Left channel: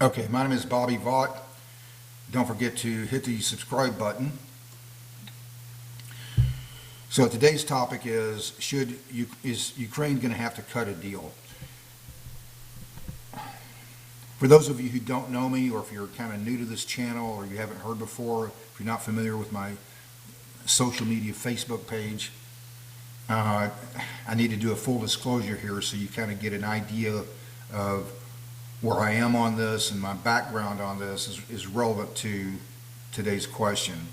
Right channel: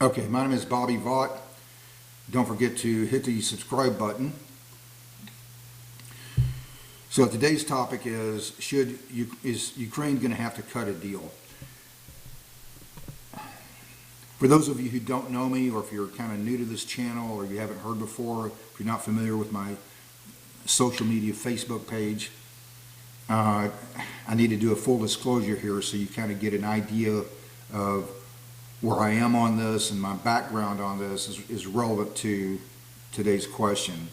Okay, my name is Bobby Vaught. Don't forget to hit the subscribe button. So today's topic is is Ukraine going to have to cut a deal? For those of you who don't know me, or if you're kind of new to this channel, or you haven't heard before, if you're not familiar with my social media Facebook page, I need to do a full disclosure here so you kind of get an idea of where I am on this, and my background on this is relevant to today's question.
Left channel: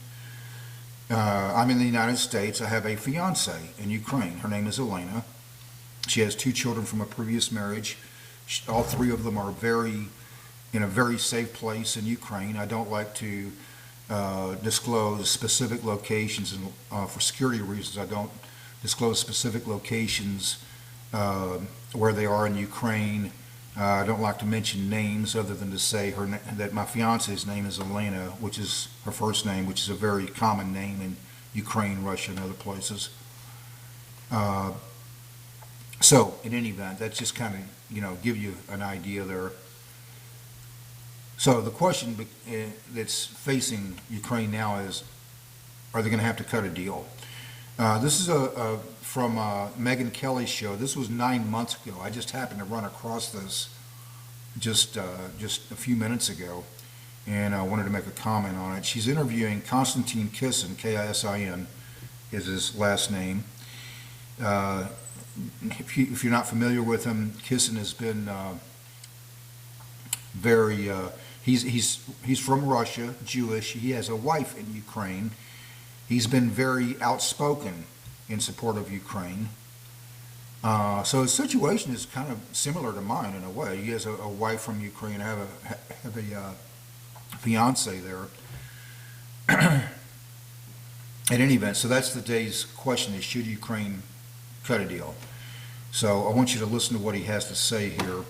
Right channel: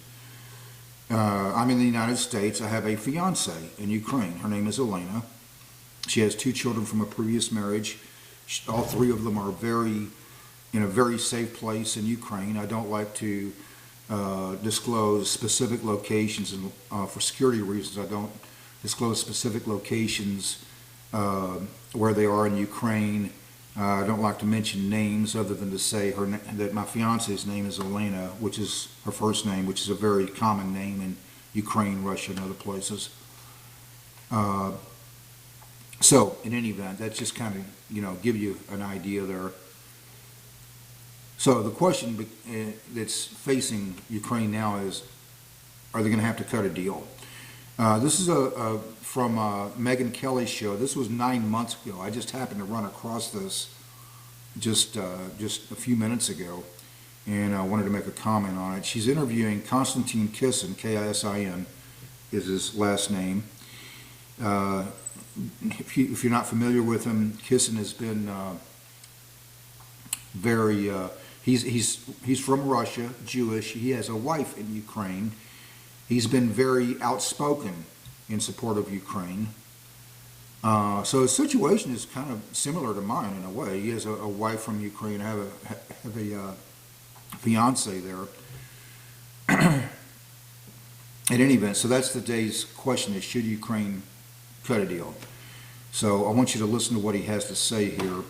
I'm in the United States. I have a fiance in Ukraine. Her name is Elena. She has 2 children from a previous marriage. All 3 of them are in a very safe place in Ukraine. I don't like to disclose specific locations, and for security reasons, I don't disclose specific locations where they are in Ukraine. I don't like to mention names other than to say that my fiance's name is Elena, which is her first name, which is a very common name in Ukraine, Russia, and other places. So, in any event, that's just kind of, give you an idea there. So the question that's facing Ukraine now is, are they going to have to cut a deal? This is from Megyn Kelly's show. This was 9 months ago. I just happened to run across this just a few minutes ago, and I wanted to make a comment on it. She's interviewing Konstantin Kisin, K-I-S-I-N is his last name. If you're not familiar with him, Kisin has been very. He's from Russia, Jewish. He has a wife in Ukraine. He's been very outspoken in support of Ukraine. So his situation is kind of similar to mine in a way. He has a wife from Ukraine. I have a fiance there. At any event, so that's today's question: is should Ukraine cut a deal? So I want you to listen to what he has to say here,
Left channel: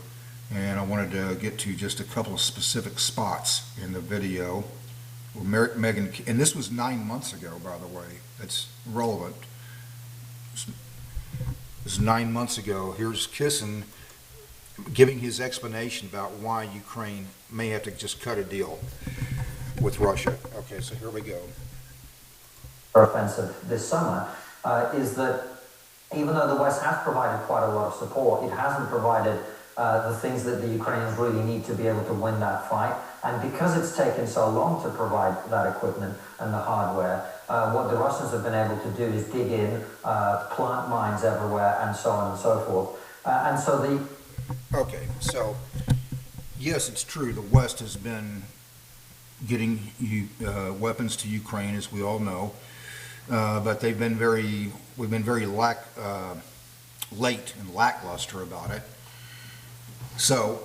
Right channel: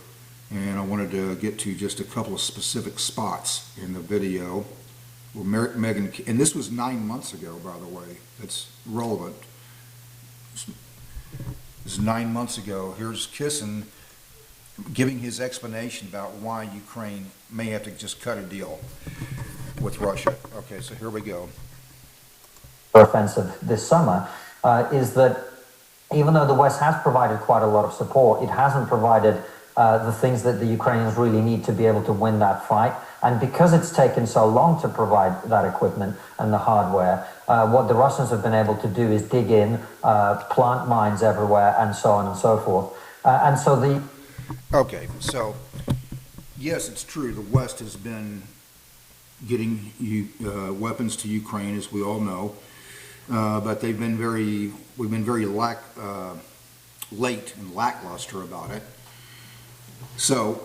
and I wanted to get to just a couple of specific spots in the video. Megyn, and this was 9 months ago, by the way. That's relevant. This is 9 months ago. Here's Kisin giving his explanation about why Ukraine may have to just cut a deal with Russia. Okay, so here we go. Offensive this summer is that even though the West has provided quite a lot of support, it hasn't provided the things that the Ukrainians really need to be able to win that fight. And because it's taken so long to provide that equipment and the hardware, what the Russians have been able to do is dig in, plant mines everywhere, and so on and so forth. And so the... Okay, so yes, it's true. The West has been getting weapons to Ukraine, as we all know, but we've been very late and lackluster about it. So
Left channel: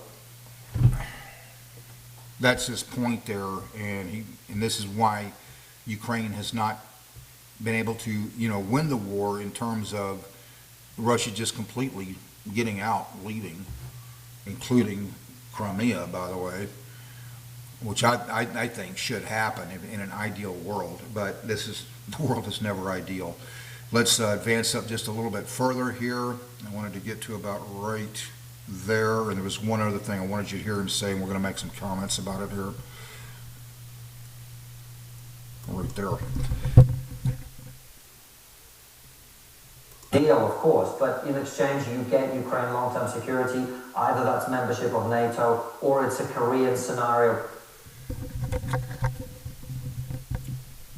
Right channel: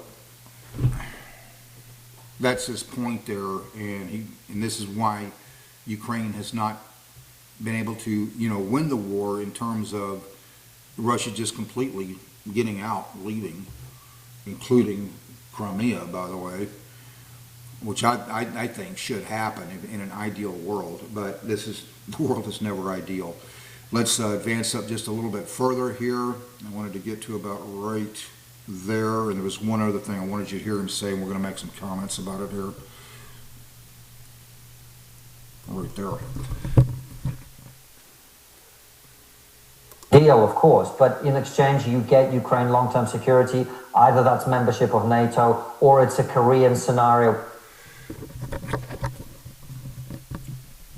that's his point there, and this is why Ukraine has not been able to, win the war in terms of Russia just completely getting out, leaving, including Crimea, by the way, which I think should happen in an ideal world, but the world is never ideal. Let's advance up just a little bit further here. I wanted to get to about right there, and there was one other thing I wanted you to hear him say, and we're going to make some comments about it here. Right there. Deal, of course, but in exchange you get Ukraine long-term security. Either that's membership of NATO or it's a Korean scenario.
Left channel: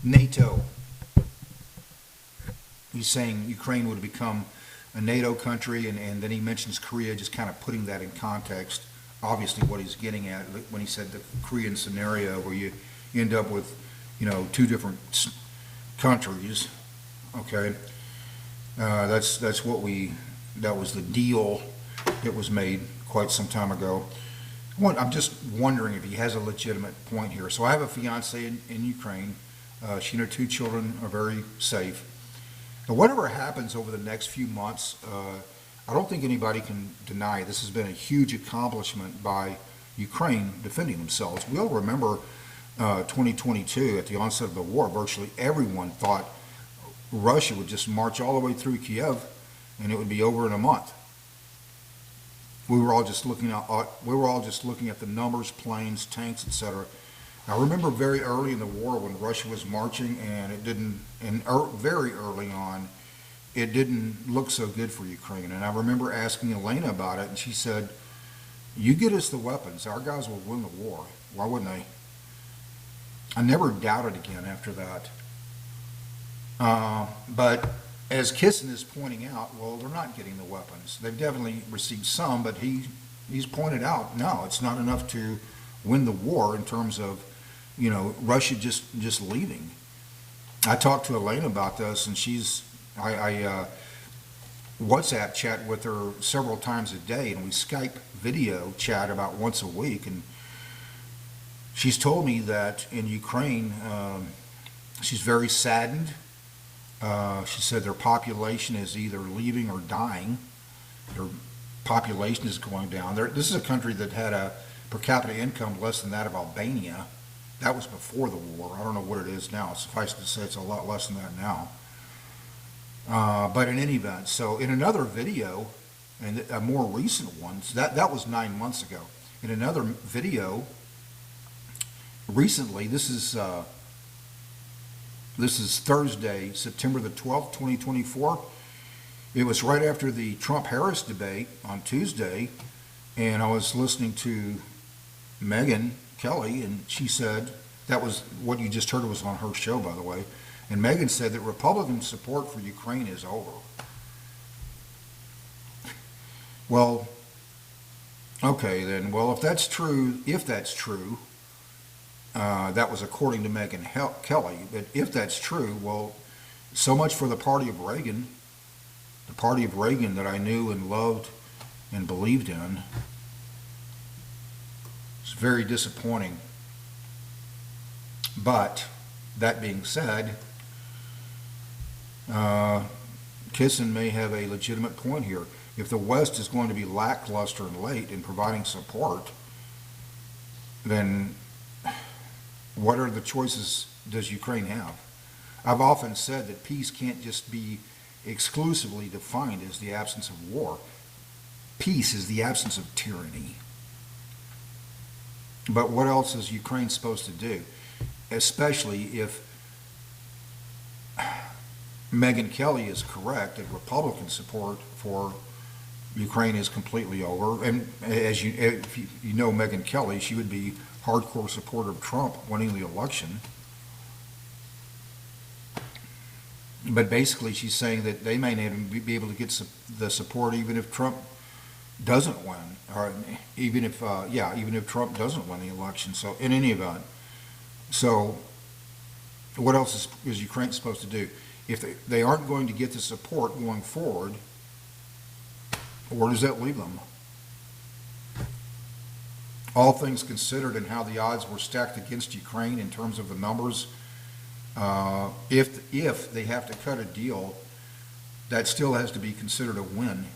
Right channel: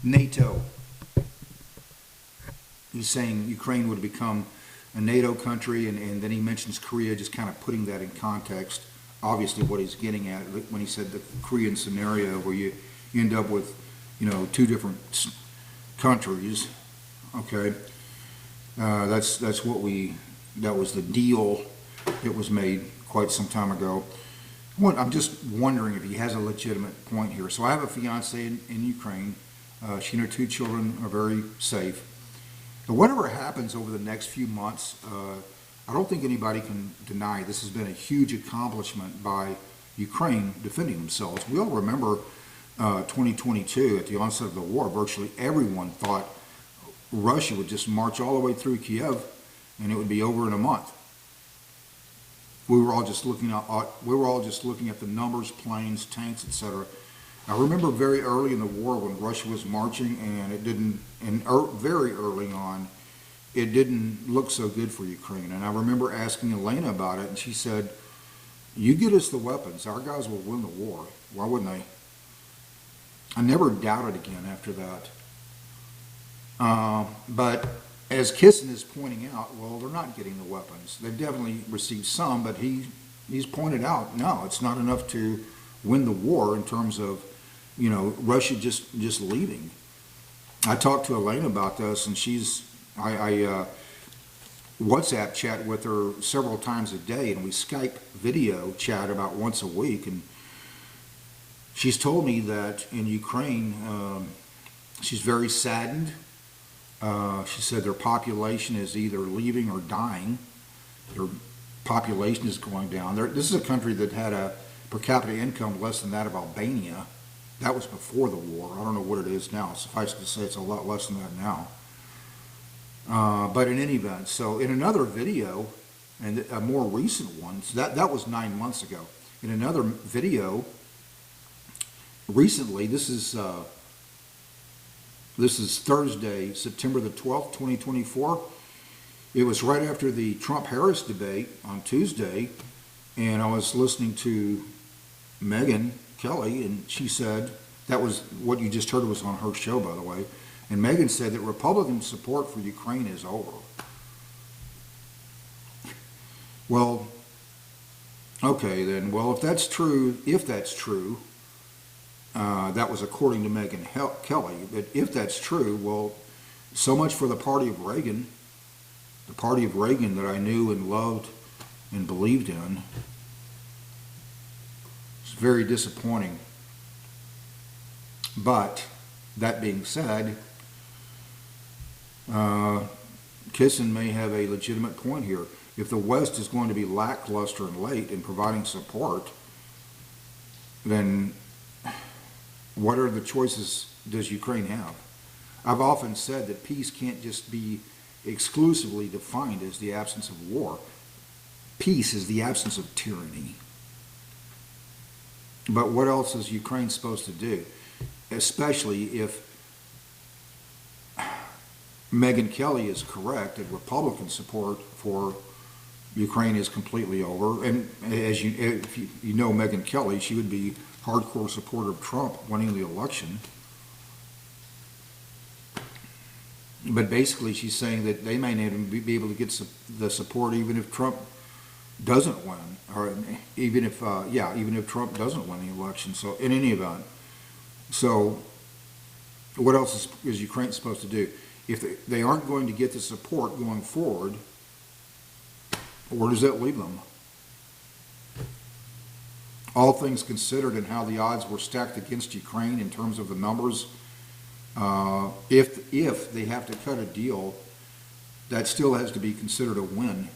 NATO. He's saying Ukraine would become a NATO country, and then he mentions Korea, just kind of putting that in context. Obviously what he's getting at when he said the Korean scenario, where you end up with, 2 different countries. Okay, that was the deal that was made quite some time ago. I'm just wondering if he has a legitimate point here. So I have a fiance in Ukraine. She and her 2 children are very safe. And whatever happens over the next few months, I don't think anybody can deny this has been a huge accomplishment by Ukraine defending themselves. We all remember 2022, at the onset of the war, virtually everyone thought Russia would just march all the way through Kiev and it would be over in a month. we were all just looking at the numbers, planes, tanks, etc. I remember very early in the war when Russia was marching, and very early on, it didn't look so good for Ukraine. And I remember asking Elena about it, and she said, "You get us the weapons, our guys will win the war. Why wouldn't they?" I never doubted again after that. But as Kisin is pointing out, well, they're not getting the weapons. They've definitely received some, but he's pointed out, no, it's not enough to win the war in terms of, Russia just leaving. I talked to Elena about this, and I WhatsApp chat with her several times a day, and we Skype video chat about once a week, and she's told me that in Ukraine, she's very saddened. She said their population is either leaving or dying. Their population is going down. This is a country that had a per capita income less than that of Albania. That was before the war. I don't know what it is now. Suffice it to say it's a lot less than that now. But in any event, so in another video, and a more recent one, that was 9 months ago. In another video, recently, this is Thursday, September the 12th, 2024. It was right after the Trump-Harris debate on Tuesday, and I was listening to Megyn Kelly, and she said, that was what you just heard was on her show, by the way, and Megyn said that Republican support for Ukraine is over. Well, okay then, well, if that's true, that was according to Megyn Kelly. But if that's true, well, so much for the party of Reagan that I knew and loved and believed in. It's very disappointing. But that being said, Kisin may have a legitimate point here. If the West is going to be lackluster and late in providing support, then what are the choices does Ukraine have? I've often said that peace can't just be exclusively defined as the absence of war. Peace is the absence of tyranny. But what else is Ukraine supposed to do? Especially if Megyn Kelly is correct that Republican support for Ukraine is completely over. And if you know Megyn Kelly, she would be hardcore supporter of Trump winning the election. But basically she's saying that they may not even be able to get the support even if Trump doesn't win, or even if Trump doesn't win the election. So in any event, so what else is Ukraine supposed to do? If they aren't going to get the support going forward, where does that leave them? All things considered and how the odds were stacked against Ukraine in terms of the numbers, if they have to cut a deal, that still has to be considered a win.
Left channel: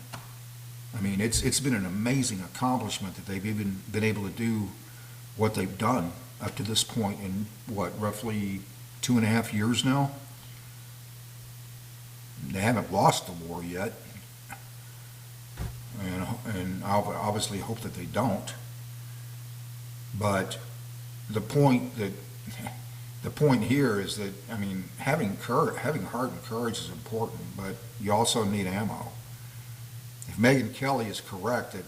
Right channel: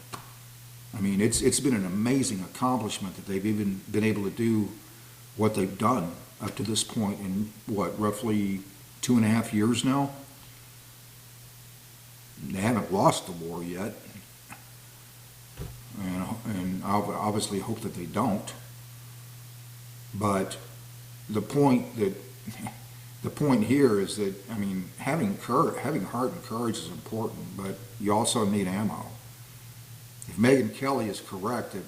I mean, it's been an amazing accomplishment that they've even been able to do what they've done up to this point in, roughly 2.5 years now. They haven't lost the war yet, and I obviously hope that they don't. But the point here is that, I mean, having heart and courage is important, but you also need ammo. If Megyn Kelly is correct that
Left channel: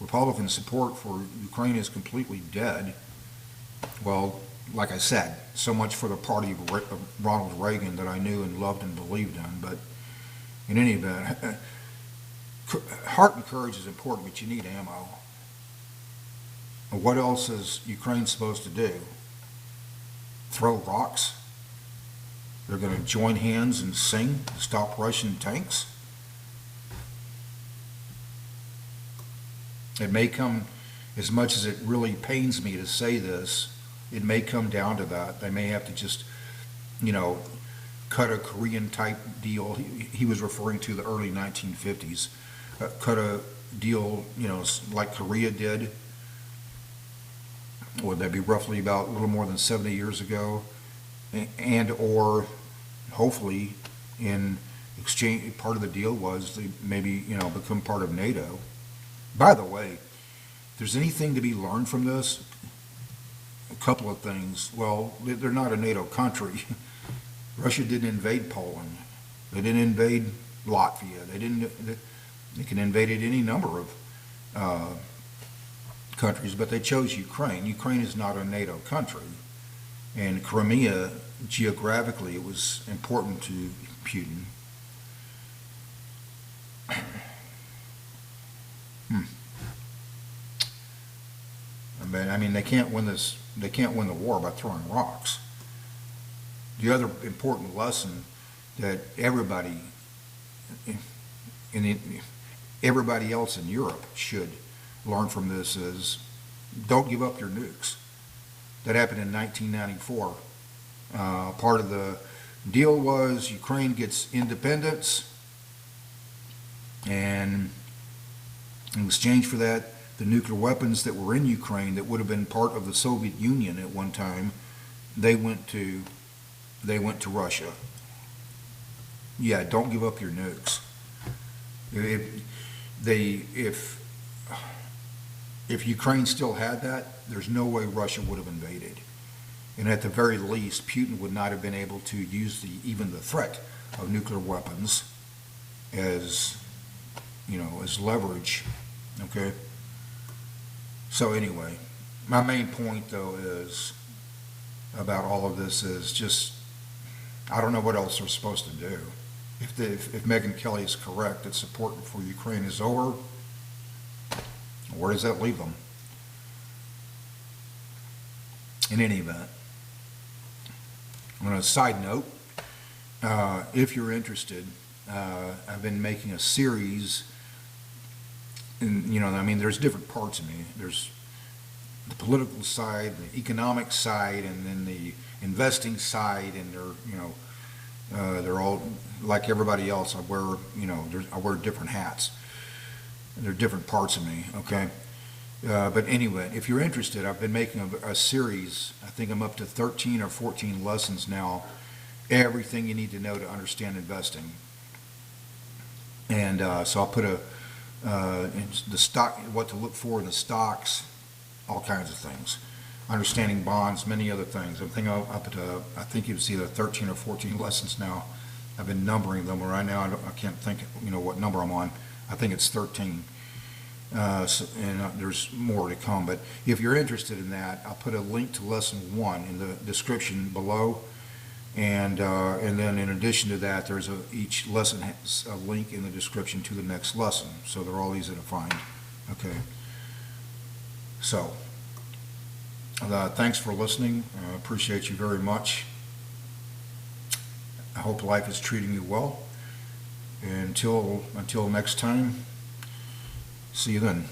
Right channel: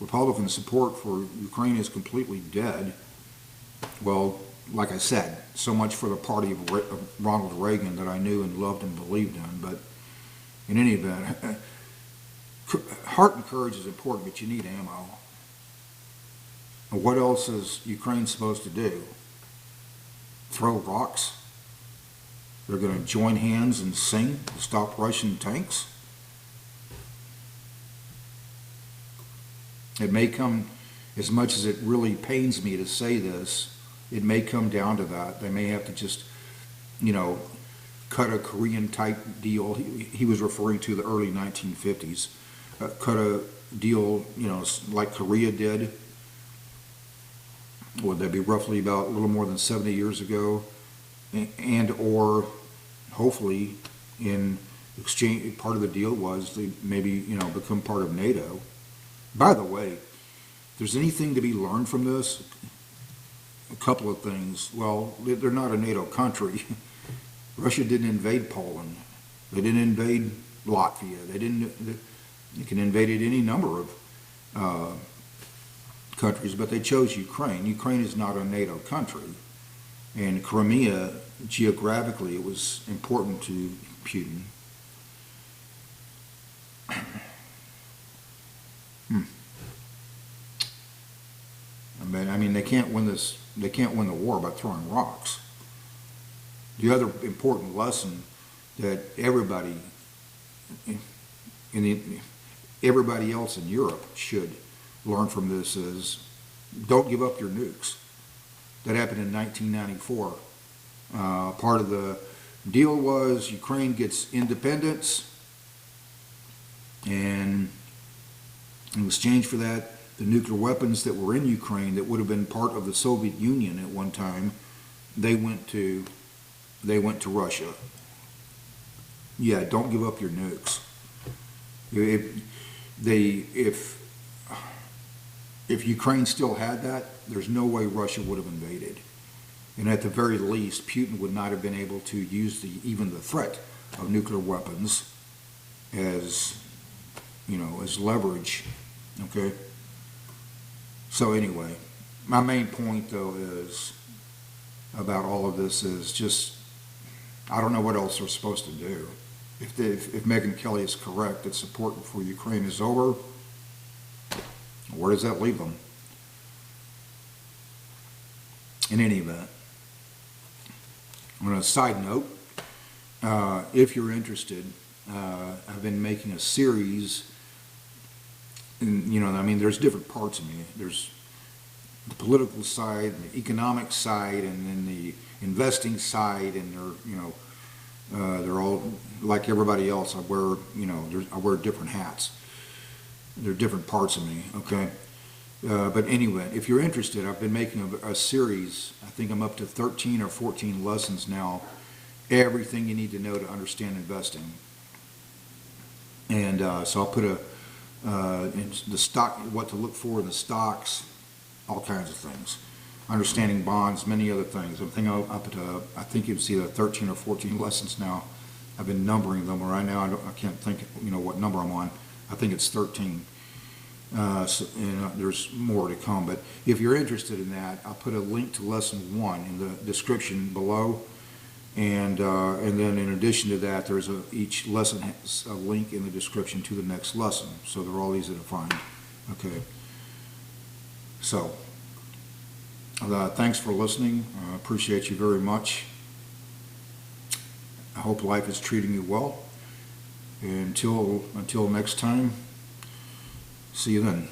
Republican support for Ukraine is completely dead, well, like I said, so much for the party of Ronald Reagan that I knew and loved and believed in. But in any event, heart and courage is important, but you need ammo. And what else is Ukraine supposed to do? Throw rocks? They're going to join hands and sing to stop Russian tanks? It may come, as much as it really pains me to say this, it may come down to that. They may have to just, cut a Korean type deal. He was referring to the early 1950s. Cut a deal, like Korea did. Would that be roughly about a little more than 70 years ago? And or hopefully in exchange, part of the deal was they maybe, become part of NATO. By the way, if there's anything to be learned from this, a couple of things. Well, they're not a NATO country. Russia didn't invade Poland. They didn't invade Latvia. They can invade any number of countries, but they chose Ukraine. Ukraine is not a NATO country. And Crimea, geographically, it was important to Putin. I mean, they can't win this. They can't win the war by throwing rocks. The other important lesson that everybody everybody else in Europe should learn from this is don't give up your nukes. That happened in 1994. Part of the deal was Ukraine gets independence, and in exchange for that, the nuclear weapons that were in Ukraine that would have been part of the Soviet Union at one time, they went to Russia. Yeah, don't give up your nukes. If Ukraine still had that, there's no way Russia would have invaded. And at the very least, Putin would not have been able to use even the threat of nuclear weapons as leverage. Okay. So anyway, my main point though is about all of this is just I don't know what else they're supposed to do. If Megyn Kelly is correct that support for Ukraine is over, where does that leave them? In any event, on a side note, if you're interested, I've been making a series. And, I mean, there's different parts of me. There's the political side, the economic side, and then the investing side, and they're all like everybody else. I wear different hats. They're different parts of me. Okay. But anyway, if you're interested, I've been making a series. I think I'm up to 13 or 14 lessons now. Everything you need to know to understand investing. And so I'll put in the stock, what to look for in the stocks, all kinds of things. Understanding bonds, many other things. I think it was either 13 or 14 lessons now. I've been numbering them. Right now, I can't think, what number I'm on. I think it's 13. There's more to come. But if you're interested in that, I'll put a link to lesson 1 in the description below. And then in addition to that, each lesson has a link in the description to the next lesson. So they're all easy to find. Okay. So, thanks for listening. I appreciate you very much. I hope life is treating you well. And until next time, see you then.